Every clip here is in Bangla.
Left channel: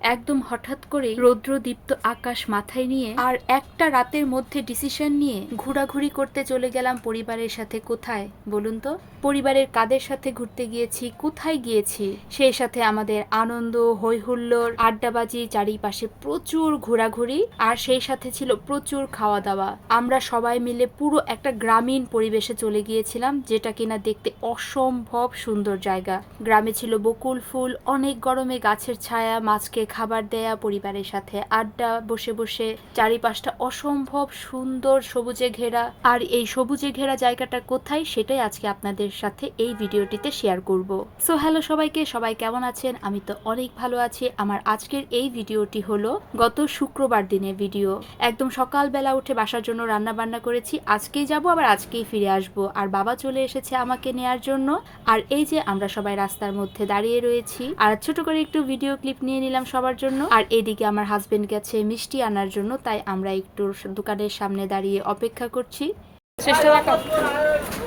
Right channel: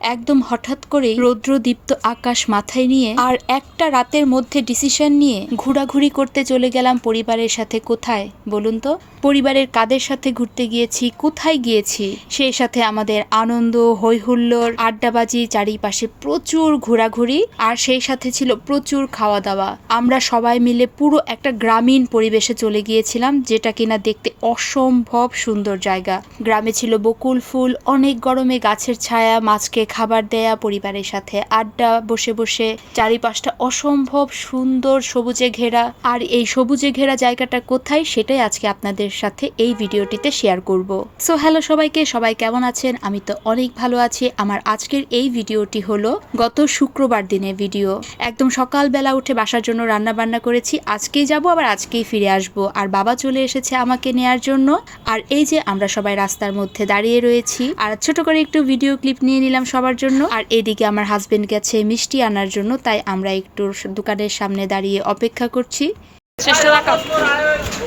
একদম হঠাৎ করে রৌদ্রদীপ্ত আকাশ মাথায় নিয়ে আর একটা রাতের মধ্যে ডিসিশন নিয়ে ঘোরাঘুরি করতে চলে গেলাম পরিবারের সাথে। কোথায় বলুন তো? পরিবারের কাদের সাথে ঘুরতে গিয়েছি, কোথায় গিয়েছি? সেই সাথে আমাদের আনন্দ, হই হুল্লোড়, আড্ডাবাজি, চারিপাশে প্রচুর ঘোরাঘুরি, আর সেই সাথে ছিল প্রচুর খাওয়া দাওয়া। আমরা সবাই মিলে পুরো একটা গ্রামীণ পরিবেশে চলে গিয়েছিলাম, যেটা কিনা দেখতে অসম্ভব সুন্দর জায়গা। গ্রামে ছিল বকুল ফুল, অনেক গরমে গাছের ছায়া, মাছকে খাবার দেয়া, পরিবারের সাথে আড্ডা, বসে বসে চারিপাশটা অসম্ভব সুন্দর সবুজে ঘেরা। আর এই সবুজে ঘেরা জায়গাটা কোথায়, সেটাই আজকে আপনাদের সাথে এই ভিডিওটিতে শেয়ার করব। সো হ্যালো সবাইকে, সবাই কেমন আছেন? আমি তো অনেক ভালো আছি। আমার আজকের এই ভিডিওটি হলো গত শুক্রবার দিনের ভিডিও। একদম সকালবেলা উঠে বাসার জন্য রান্না বান্না করেছি। আজকেই যাব, আবার আজকেই ফিরে আসব। আর বাবা চলে এসেছে আমাকে নেয়ার জন্য। আর এই যে আমরা সবাই রাস্তার মধ্যে দাঁড়িয়ে রয়েছি, আর ছোট করে একটু ভিডিও ক্লিপ নিয়ে নিলাম সবার জন্য। আর এদিকে আমার হাজবেন্ড গেছে মিষ্টি আনার জন্য, তাই আমরা একটু দোকানের সামনে দাঁড়িয়ে অপেক্ষা করছি।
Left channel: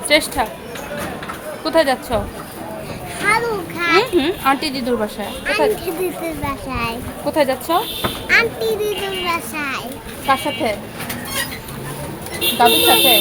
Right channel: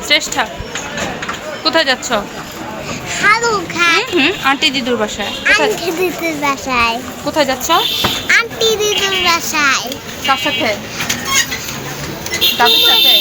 শ্রেষ্ঠা, কোথায় যাচ্ছ? আন্টি দিদুর বাসায়। কোথায় যাচ্ছ? আন্টি দিদুর বাসায়। কার সাথে? দাদুর সাথে?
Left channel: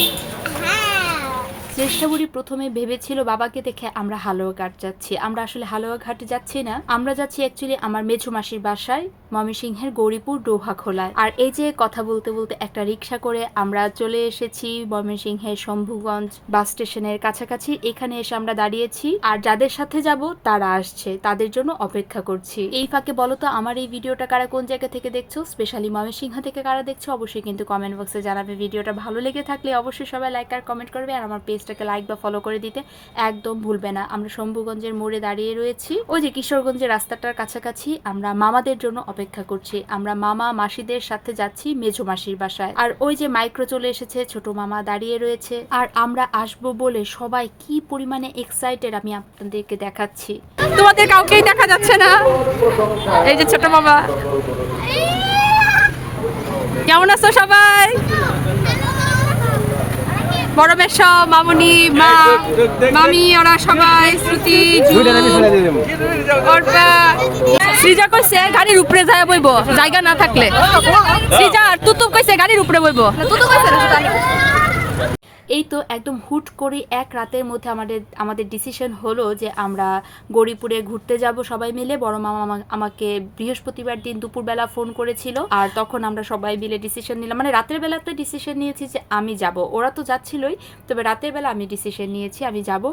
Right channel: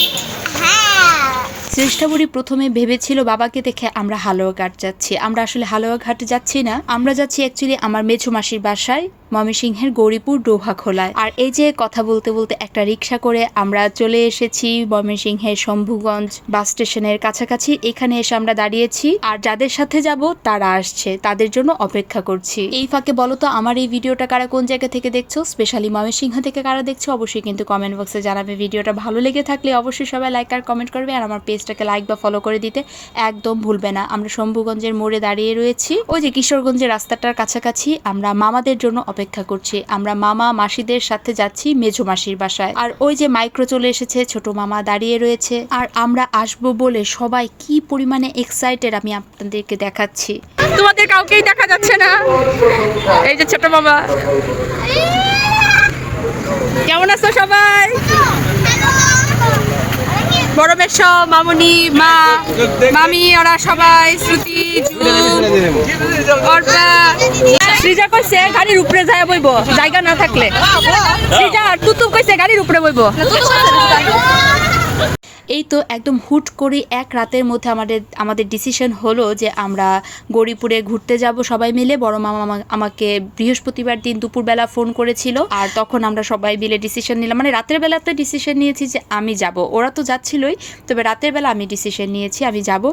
হ্যাঁ। শ্রেষ্ঠা বুড়ি প্রথমে ভেবেছিল বাবাকে দেখে আমরা হালুয়াঘাট যাচ্ছি। আমরা আসলে হালুয়াঘাটে যাচ্ছি না, আমরা যাচ্ছি অ্যাকচুয়ালি আমার মেঝো মাসির বাসায়, ময়মনসিংহের গৌরীপুর ডোভাখোলায়। আর এই যে কথা বলতে বলতে একটা রিক্সা করে আমরা চলে এসেছি ময়মনসিংহের শম্ভুগঞ্জ বাস স্টেশনের কাছাকাছি। এখানে এসে আমরা দাঁড়িয়েছি, আর যাদের সাথে যাব তারা আসছে, তাদের জন্য অপেক্ষা করছি। এই ফাঁকে বলো তো, আমার এই ভিডিওটা কারা কোন জায়গা থেকে দেখছো, স্পেশালি ময়মনসিংহ থেকে কারা দেখছো, অবশ্যই কিন্তু কমেন্ট বক্সে জানাবে। ভিডিওটা ভালো লেগে থাকলে অবশ্যই সবাই লাইক আর কমেন্ট করবে, আর আমার পেজটাকে লাইক বা ফলো করে দিতে একদম ভুলবে না। আমরা শম্ভুগঞ্জের মোড়ে দাঁড়িয়ে রয়েছি, ওই যে কিশোরগঞ্জের রাস্তাটার কাছাকাছি। আমরা মামাদের জন্য অপেক্ষা করছি। আমরা মামা মাসিদের সাথে যাচ্ছি মেঝো মাসির বাসায়। আর ওই যে মাইক্রো চলে এসেছে, ছোট মামা দাঁড়িয়ে রয়েছে। আর আমরা আসবো বলে সবাই কি পরিমাণে এক্সাইটেড আমি আপনাদেরকে দেখাচ্ছি। তোমাদের কাউকেই দেখা যাচ্ছে না। এই যে ছোট মামা। কেমন আছো সবাই? বড় মেশ, মামুনি, মা, মামি, ওরা সবাই, শ্রুতি, সৃজা কইছে গাড়ির উপরে যায় বইব, জায়গা না থাকলে। সৃজা আর তুতু কইছে গাড়ির উপরে বইব। এই তো একদম হুট করে এক রাতের মধ্যে আমাদের ডিসিশন হলো যে আমরা গৌরীপুরে ঘুরতে যাব সবাই মিলে। বড় মামা আমাকে বৃহস্পতিবার দিন দুপুরবেলা ফোন করেছিল, আর তখন আমরা সবাই মিলে ডিসিশন নিলাম, মানে রাতের বেলাতে ডিসিশন নিয়েছি যে আমি যাব। ওরা তো যাচ্ছিলই, তবে রাতের বেলা আমি ডিসিশন নিয়েছি আমি যাব।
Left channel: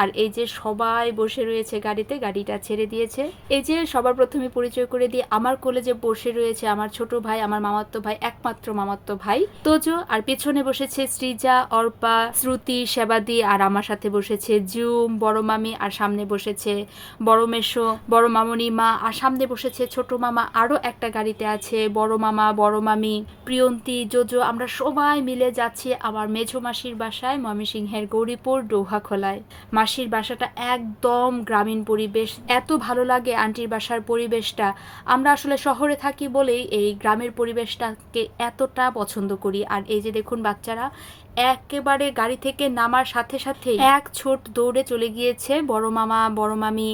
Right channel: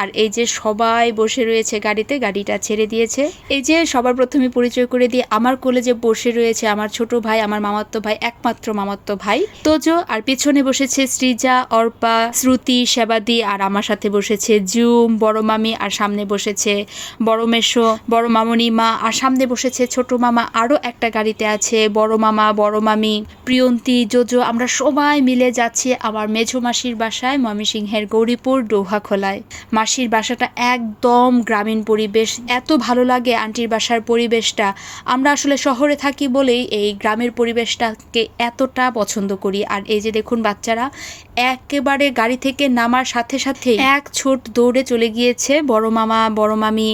আর এই যে সবাই বসে রয়েছে গাড়িতে, গাড়িটা ছেড়ে দিয়েছে। এই যে সবার প্রথমে পরিচয় করে দিয়ে আমার কোলে যে বসে রয়েছে আমার ছোট ভাই, আমার মামাতো ভাই, একমাত্র মামাতো ভাই তোজো। আর পেছনে বসেছে সৃজা, অর্পা, শ্রুতি, সেবাদি, আর আমার সাথে বসেছে জুম, বড় মামি, আর সামনে বসেছে বড় মেশো, বড় মামনি মা, আর সামনে বসেছে ছোট মামা। আরও একটা গাড়িতে আছে বড় মামা, বড় মামি, প্রিয়ন্তী, জোজো। আমরা সবাই মিলে যাচ্ছি আমার মেঝো মাসির বাসায়, ময়মনসিংহের গৌরীপুর ডোভাখোলায়। মাসির বাসাটা একদম গ্রামীণ পরিবেশ, এত ভালো লাগে আন্টির বাসার পরিবেশটা। আমরা আসলে শহরে থাকি বলেই এই গ্রামের পরিবেশটাকে এতটা পছন্দ করি। আর এই যে দেখুন বাচ্চারা একেবারে গাড়ি থেকে নামার সাথে সাথে এক ছোট দৌড়ে চলে গিয়েছে বড় মামা, বড় মামি,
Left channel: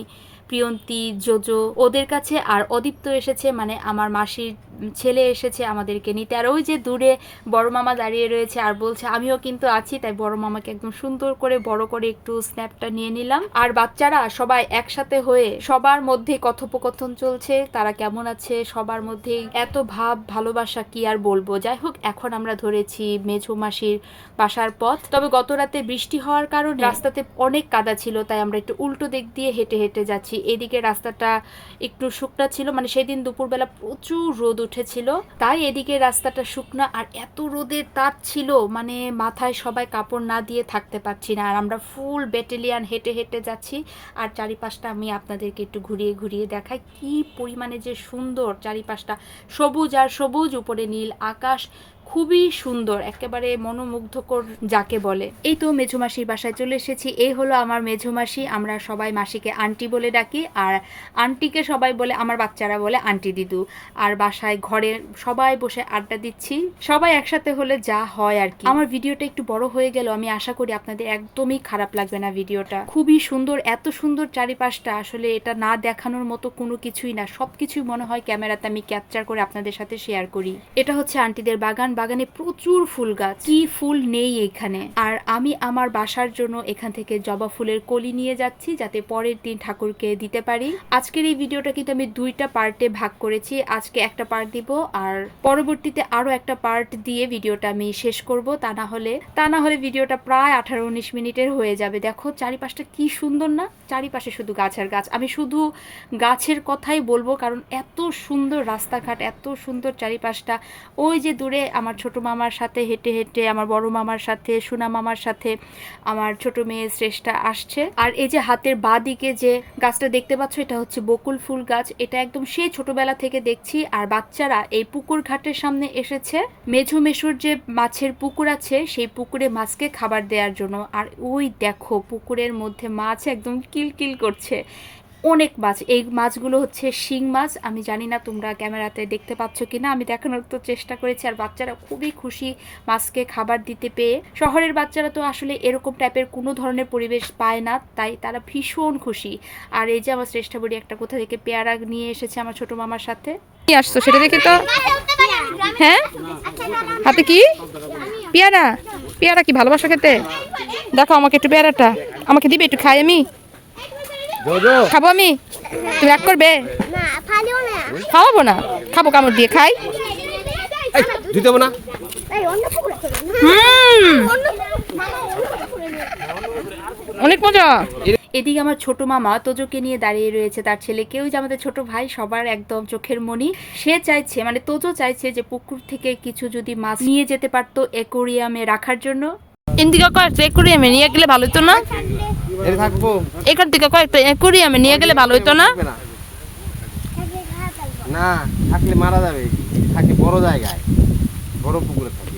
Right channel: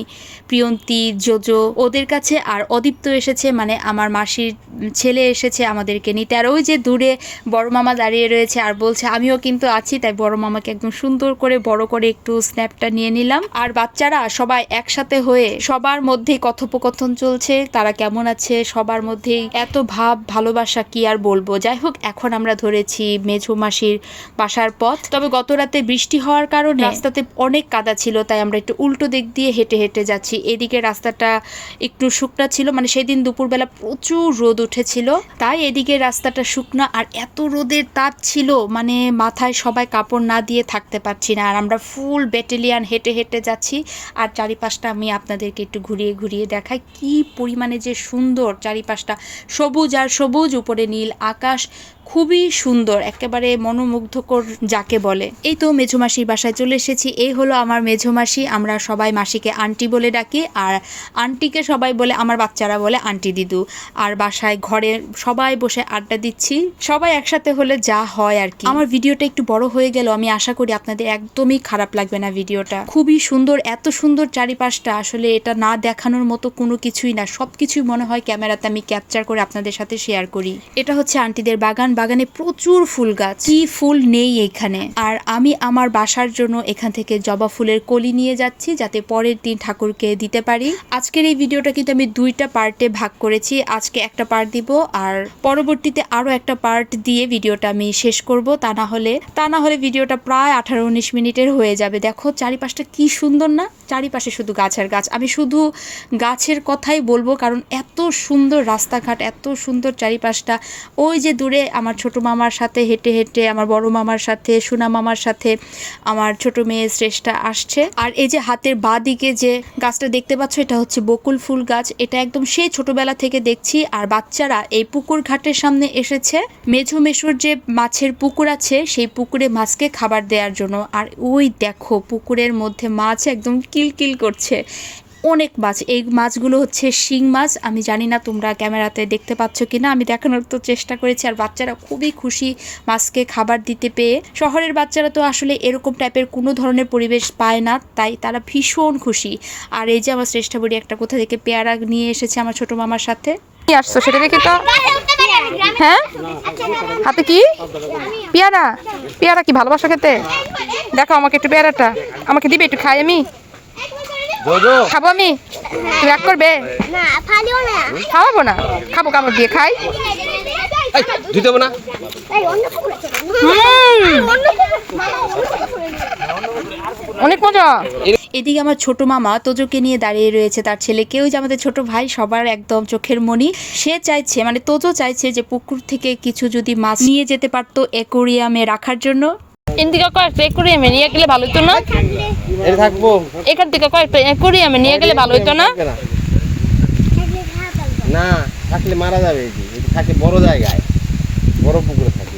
প্রিয়ন্তী, জোজো ওদের কাছে। আর অদীপ্ত এসেছে, মানে আমার মাসির ছেলে এসেছে আমাদেরকে নিতে। আর ওই যে দূরে বড় মামা দাঁড়িয়ে রয়েছে আর বলছে আমিও কিন্তু আছি, তাই বড় মামাকে একদম সুন্দর করে বড় করে একটু স্ন্যাপটা নিয়ে নিলাম। আর বাচ্চারা সবাই একসাথে হয়ে সবার মধ্যেই কথোপকথন চলছে, তারা কেমন আছে, সবার মধ্যেই এত ভাব ভালোবাসা, কি আর বলবো। যাই হোক, এখন আমরা ধরেছি মেঝো মাসির বাসার পথ। তবে গত রাতে বৃষ্টি হওয়ার কারণে রাস্তাতে অনেক কাদা ছিল, তাই আমরা একটু উল্টো দিক দিয়ে হেঁটে হেঁটে যাচ্ছি। এদিকে রাস্তাটা একটু শুকনা ছিল, মানে সেদিন দুপুরবেলা প্রচুর রোদ উঠেছিল, তাই এদিকে রাস্তাটা শুকনা। আর এত রোদের তাপ ছিল, মানে মাথায় সবাই কাপড় না দিয়ে থাকতে পারছি না। আর আমরা ফুল ব্যাটালিয়ান হেঁটে হেঁটে যাচ্ছি। আর চারিপাশটা আমি আপনাদেরকে একটু ঘুরিয়ে ঘুরিয়ে দেখাই, কি পরিমাণে যে সুন্দর চারিপাশটা, সবুজ আর সবুজ, উপরে নীল আকাশ, খুবই সুন্দর, একেবারে মনোমুগ্ধকর যাকে বলে। এই তো মেঝোমাসির বাসায় চলে এসেছি। এই হলো আমার মেঝোমাসি। আমরা সবাই মাসিকে আন্টি বলে ডাকি, আর আন্টিকে সবাই বলে, আমার বাচ্চারা বলে আন্টি দিদু। আর বাসায় ঘরে সবাই বসে আড্ডা দিচ্ছি, সবাই একসাথে হলে যা হয় আর কি। আমার ভিডিওটা একটু বড় হয়ে গেল, আমি আশা করি আপনাদের একদমই খারাপ লাগবে না। ভিডিওটা খুবই সুন্দর, এত সুন্দর চারিপাশটা, আসলে এটা না দেখানোর মতো কোনো কিছুই না। সবকিছুই মনে হয় ক্যামেরাতে আমি ক্যাপচার করে আপনাদের সাথে শেয়ার করি। এটা হচ্ছে আন্টিদের বাগান। বাগানে প্রচুর ফুল গাছ, কি ফুল নেই এখানে। আর আমি আমার বাসার জন্য এখান থেকে জবা ফুলের কলি নিয়ে যাচ্ছি, যাতে পরের দিন ঠাকুরকে দিতে পারি। আজকের এই ভিডিওটা কিন্তু আমি 2টা পার্টে ভাগ করেছি। আজকে একটা পার্ট দিব, আর পরবর্তীতে আরো একটা পার্ট দিয়ে ভিডিওটা আমি শেষ করব। তা না হলে ভিডিওটা প্রায় 18-19 মিনিটের হয়ে যাবে। দেখো চারিপাশটা কি সুন্দর না, চারিপাশে শুধু গাছ আর গাছ। আমি শুধু গাছের কথাই বলবো, কারণ এত সুন্দর রাস্তাঘাট, এত সুন্দর চারিপাশটা। ওই যে দূরে আমার ছোট মামার সাথে হেঁটে হেঁটে, আমার বড় মামার সাথে, সোনা মামার সাথে আমার ছোট মেয়ে শ্রেষ্ঠা আসছে। আর এই যে হাতের বাঁ দিকে যে গাছটা দেখতে পাচ্ছ, এটা হচ্ছে বকুল ফুল গাছ। এটা একদম সেই ছোটবেলা থেকে দেখছি। আর বাচ্চারা এই পুকুর ঘাটের সামনে এসেছে মেঝো মেশোর যে মাছের পুকুর আছে, সেই পুকুরে মাছকে খাবার দেওয়ার জন্য। আর ওই দেখো পুকুরের মধ্যে মাছ একদম কিলকিল করছে, অনেক মাছ। এই মাছগুলো হচ্ছে শিং মাছ। আমি জানি না তোমরা ক্যামেরাতে দেখতে পাচ্ছ কিনা, আমি দেখানোর তো চেষ্টা করেছি। আর বাচ্চারা খুবই খুশি মাছকে খাবার দিতে পেয়ে। শহরের বাচ্চারা তো আসলে এরকম টাইপের কোনো ধরনের পরিবেশ পায় না, তাই তারা ভীষণ খুশি। আর এই যে আমার শ্রেষ্ঠা বুড়ি একটা কোথা থেকে পেয়ারা নিয়ে এসেছে আমার ছোট মামার সাথে। কি আসছো সেটা দেখি তো। হ্যাঁ, হাতে কি পেয়ারা? পেয়ারা কি ভালোবাসা খেতে? দেখো আমাকে একটু পেয়ারাটা আমাকে দিবে, একটু খাই আমি, খাবো আমি। তুমি রাগ করবে? না ফালিও না। খাওয়াবো না, খাবো কামড় দিয়ে, খাই। দিতে না। এই অন্য পুকুরে চলে। অনেক মজা। এদিকে আমার ছোট মামা তোজোকে নিয়ে দাঁড়িয়ে রয়েছে, তার ছেলেকেও যে আমাদের ছোট ভাই, সবার একদম চোখের মনি। সে চাইছে, মানে তোজো চাইছে যে পুকুর থেকে কিছু যদি মাছ নিয়ে যেতে পারতো অ্যাকোরিয়ামে রাখার জন্য। এদিকে কয়েকটা অ্যাকোরিয়ামে নিয়ে গেলে ভালো হতো না? এর থাকবো। এখান থেকে কয়েকটা অ্যাকোরিয়ামে নিয়ে গেলে ভালো হতো না? না থাকলে মারা যাবে। থাকে বড় জায়গায়, বড় পুকুরে থাকে।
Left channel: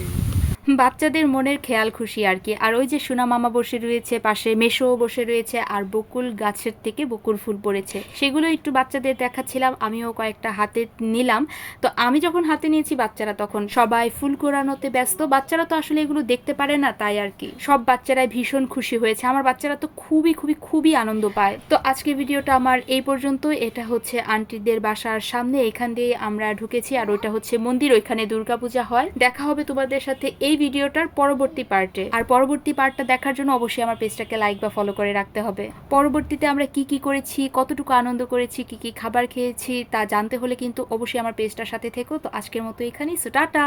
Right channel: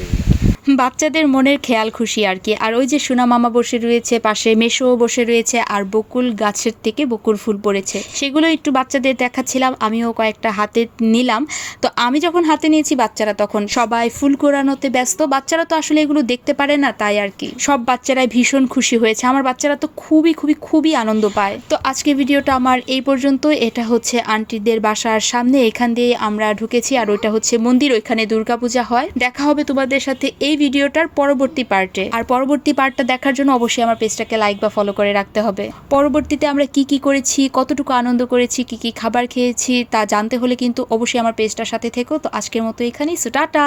বাচ্চাদের মনের খেয়াল খুশি আর কি। আর ওই যে সোনা মামা বসে রয়েছে পাশে, মেশো বসে রয়েছে, আর বকুল গাছের থেকে বকুল ফুল পড়েছে, সেগুলো একটু বাচ্চাদের দেখাচ্ছিলাম। আমিও কয়েকটা হাতে নিলাম। তো আমি যখন হাতে নিয়েছি, বাচ্চারা তখন সবাই ফুল কোরানোতে ব্যস্ত। বাচ্চারা তো আসলে এগুলো দেখতে পারে না, তাই আর কি। সব বাচ্চারাই ভীষণ খুশি হয়েছে। আমার বাচ্চারা তো খুবই খুবই খুবই আনন্দ পায়। তো আজকে ভিডিওটা আমার এই পর্যন্ত। এটা হচ্ছে আন্টিদের বাসার সামনে, এখান দিয়ে আমরা ঢুকেছি। আর ওইটা হচ্ছে মন্দির, ওইখানে দুর্গাপূজা হয়। দেখা হবে তোমাদের সাথে এই ভিডিওটার পরবর্তী পার্টে। আর পরবর্তী পার্টটা দেখার জন্য অবশ্যই আমার পেজটাকে লাইক বা ফলো করে রাখতে হবে। পরবর্তীতে আমরা কি কি করেছি, কতটুকু আনন্দ করেছি, কি কি খাবার খেয়েছি তা জানতে হলে কিন্তু অবশ্যই আমার পেজটার সাথে থেকো। তো আজকের মতো এখানেই, সো টাটা।